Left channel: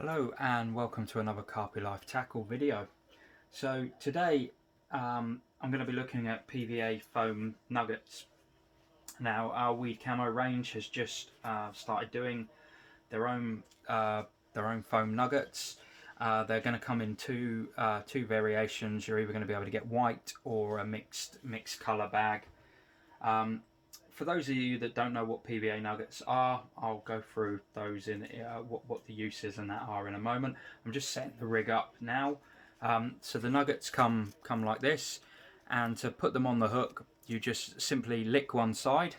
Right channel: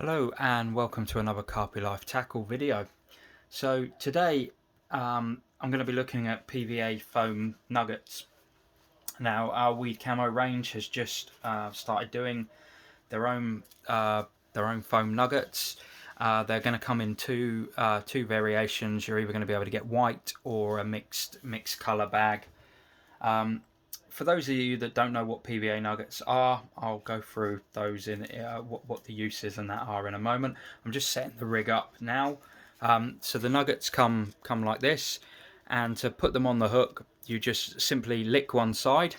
Hello and welcome to another Carpi Life tackle video. So today I'm going to be looking at PVA foam nuggets. Now our WeedCamo range has just started doing their own foam nuggets. They're going to come in two variations. You're either going to be able to get white or a mixed colour bag. For those of you that don't know what PVA nuggets are, I'll go through those in what the uses and that are in a moment. I'm just setting the rig up now. So the nuggets come like this, and to put them on the hook, you just simply lick one side,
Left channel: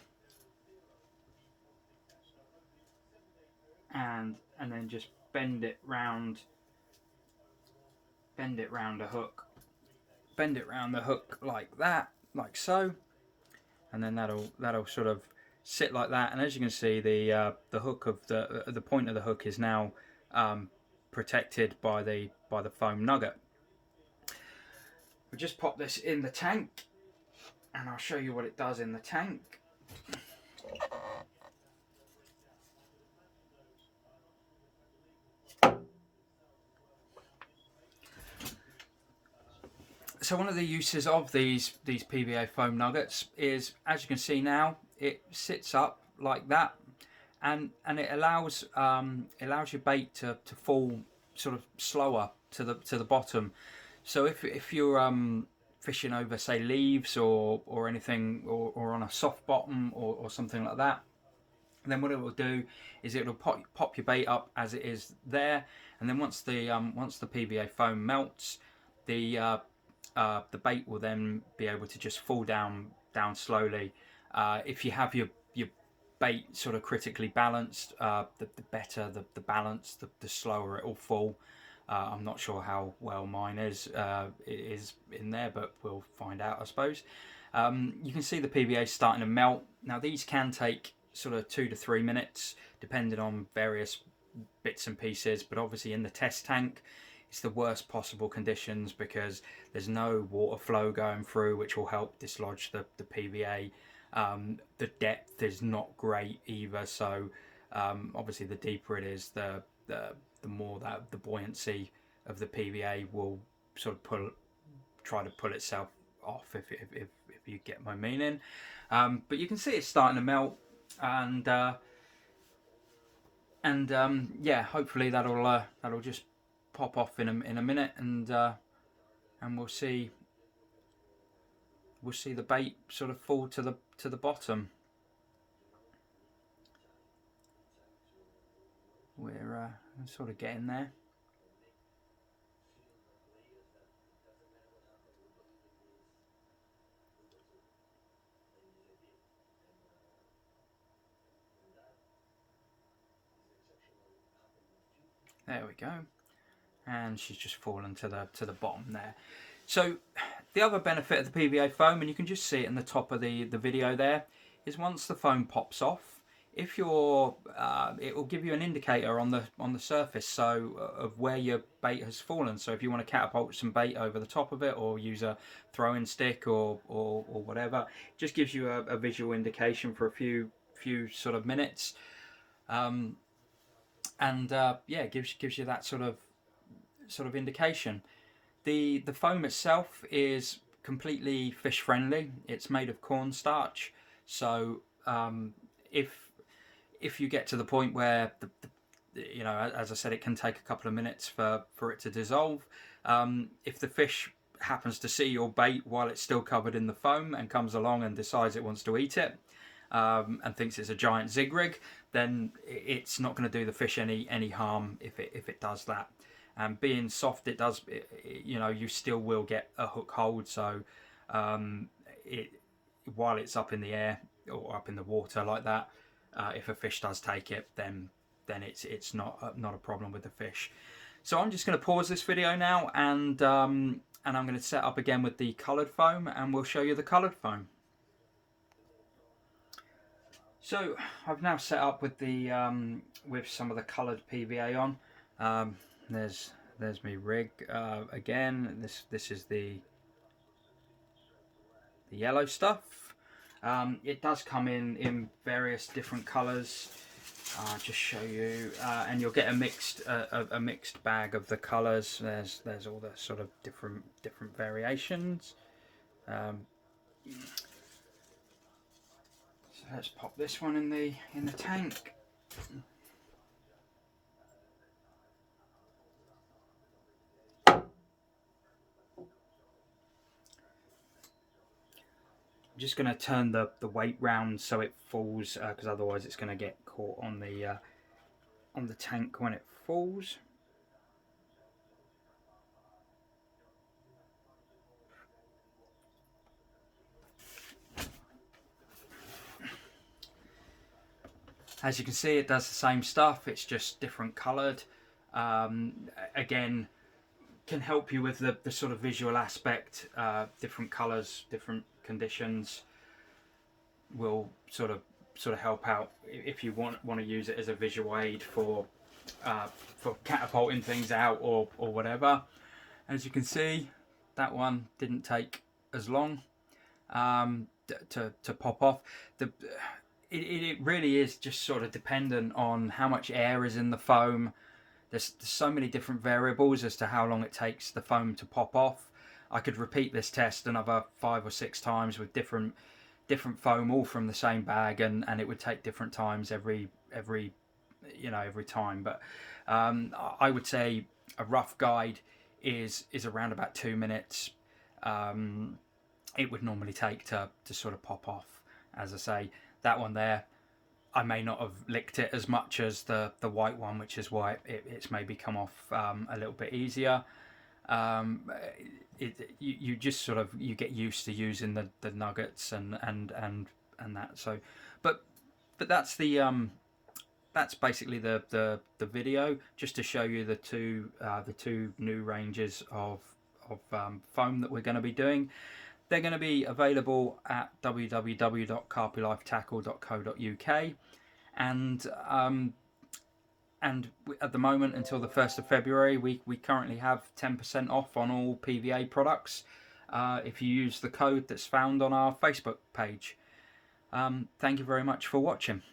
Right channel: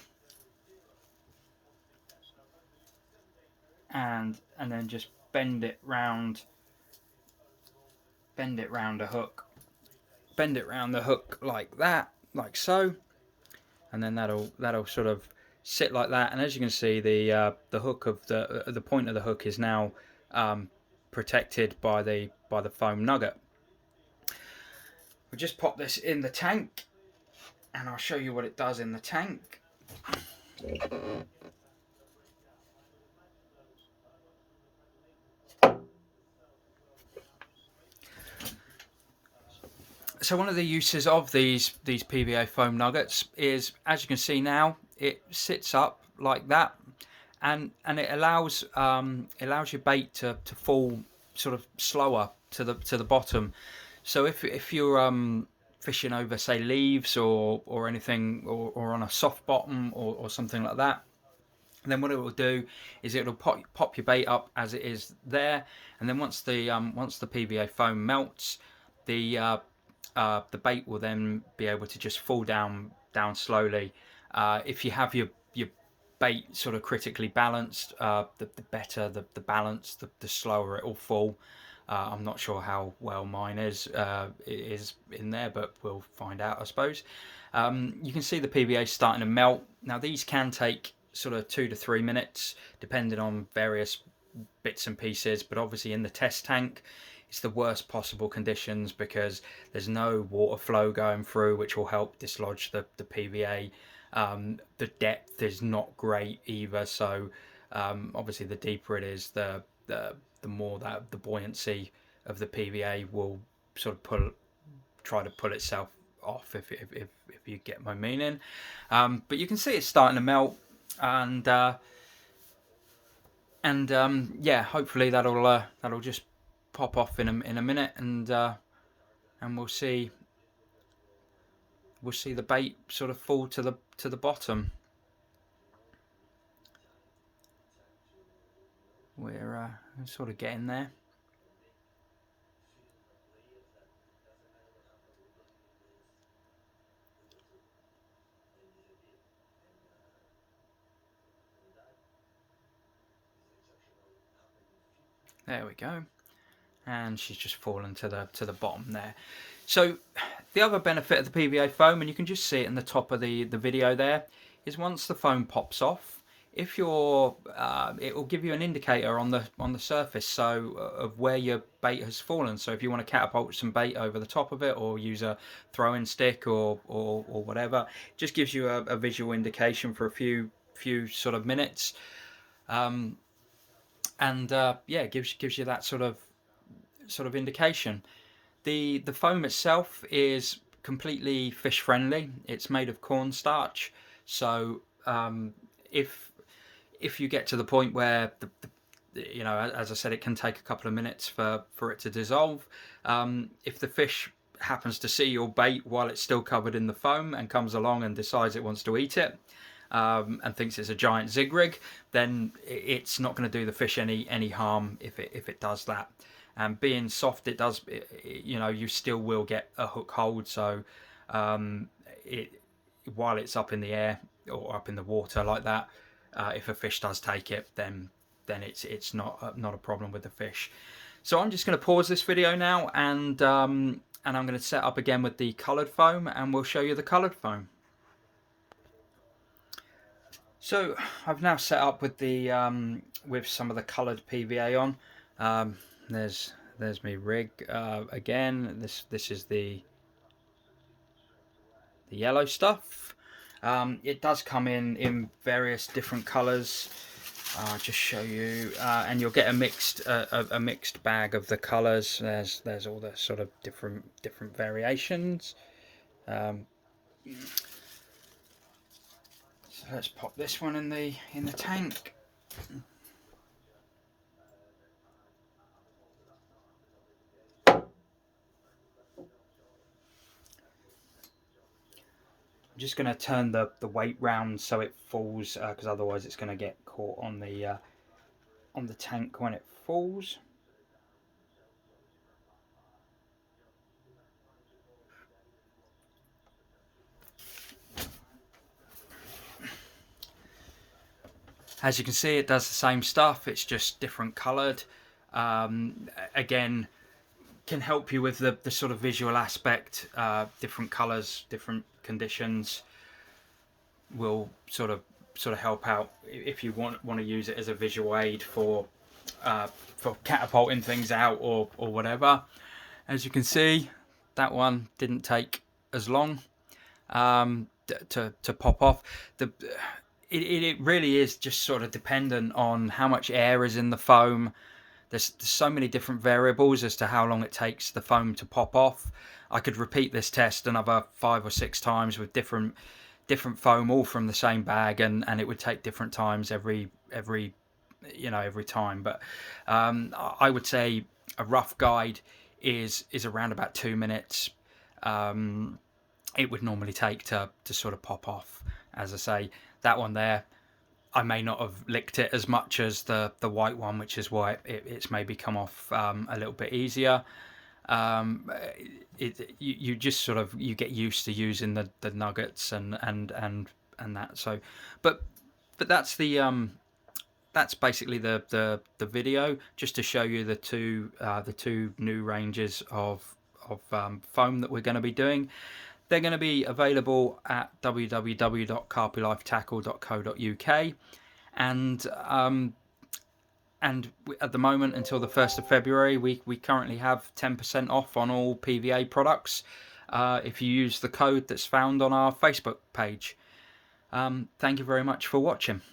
and then just bend it round a hook. Bend it round the hook like that, like so, and then that'll sort of sit like that. And as you can see, the hook of the point of the hook is now protected by the foam nugget. We just pop this in the tank, and I'll show you what it does in the tank. So one of the uses of these PVA foam nuggets is, as you can see now, it sits up like that, and it allows your bait to fall sort of slower to the bottom. So if you're fishing over, say, leaves or anything, or on a soft bottom or something like that, then what it will do is it will pop your bait up as it is there, and then once the PVA foam melts, the bait will then be able to just fall down slowly. If you have your bait sort of critically balanced, the better the balance, the slower it will fall. I'm not sure how well mine is in there, but we'll find out, I suppose. You can see the PVA starting to melt. Now these can take sort of 2 to 3 minutes, depending on various bits and pieces, but obviously in the test tank it's the worst possible conditions because there's no water flow going through, which will help dislodge the PVA. The depth is not great either, so obviously the deeper it is, the more that the buoyancy of the PVA will sort of try to pull itself off, if you get my meaning. But you can see it's starting to melt, and yeah, hopefully that'll just pop off in a minute, and we'll see the bait sort of fall to the bottom. We're sort of getting there. There we go. And she's just fallen to the bottom there. So the other benefit of the PVA foam, and you can just see it in the top of the video there, is once the foam pops off, if you're it will give you an indicator on the surface, so of where your bait has fallen. So if you want to catapult some bait over the top of it, or use a throwing stick or whatever, it just gives you a visual indication for a few sort of minutes, and yeah, it gives you that sort of indication. The foam itself is completely fish friendly. It's made of cornstarch, so if you get to the point where you know, as I said, it can take a couple of minutes for it to dissolve. If the fish happens to see your bait while it's still covered in the foam and comes along and decides it wants to eat it, and thinks it's a giant zig rig, then it's not going to do the fish any harm if it does that. And being soft, it does, you know, you still will get a hook hold. So while it's up in the air or up in the water like that, if a fish does take it, then it's not a problem with the fish. So I'm just going to pause this video now, and I'm going to set up again with the coloured foam, and we'll show you the coloured foam. So I've now set up with the with some of the coloured PVA on. There's my rig again. This is the yellow stuff. It does come in various different colours. I'll just show you, and you'll get a mixed bag of the colours. There's all the sort of different variations. So let's pop this one in the tank. I'm just going to turn the weight round so it falls, because otherwise it's going to get caught on the tank when it falls. As you can see, it does the same stuff, it's just different coloured. Again, can help you with the sort of visual aspect. Different colours, different conditions will sort of help out if you want to use it as a visual aid for catapulting things out or whatever. As you can see, that one didn't take as long to pop off. It really is just sort of dependent on how much air is in the foam. There's so many different variables as to how long it takes the foam to pop off. I could repeat this test another 5 or 6 times with different foam, all from the same bag, and it would take different times every time. But I would say a rough guide is around about 2 minutes. It would normally take to sort of pop off. As I say, that one there, I may not have licked it as much as the white one, which is why it's maybe come off a little bit easier. You just sort of get used to using the nuggets and that. So, but that's that's basically the video, just to show you the two new ranges of foam that we're going to be doing. They're going to be available at www.carpylifetackle.co.uk, and at the moment, until the 1st of February, we currently have 10% off on all PVA products if you use the code that's found on our Facebook page. Thank you very much for watching.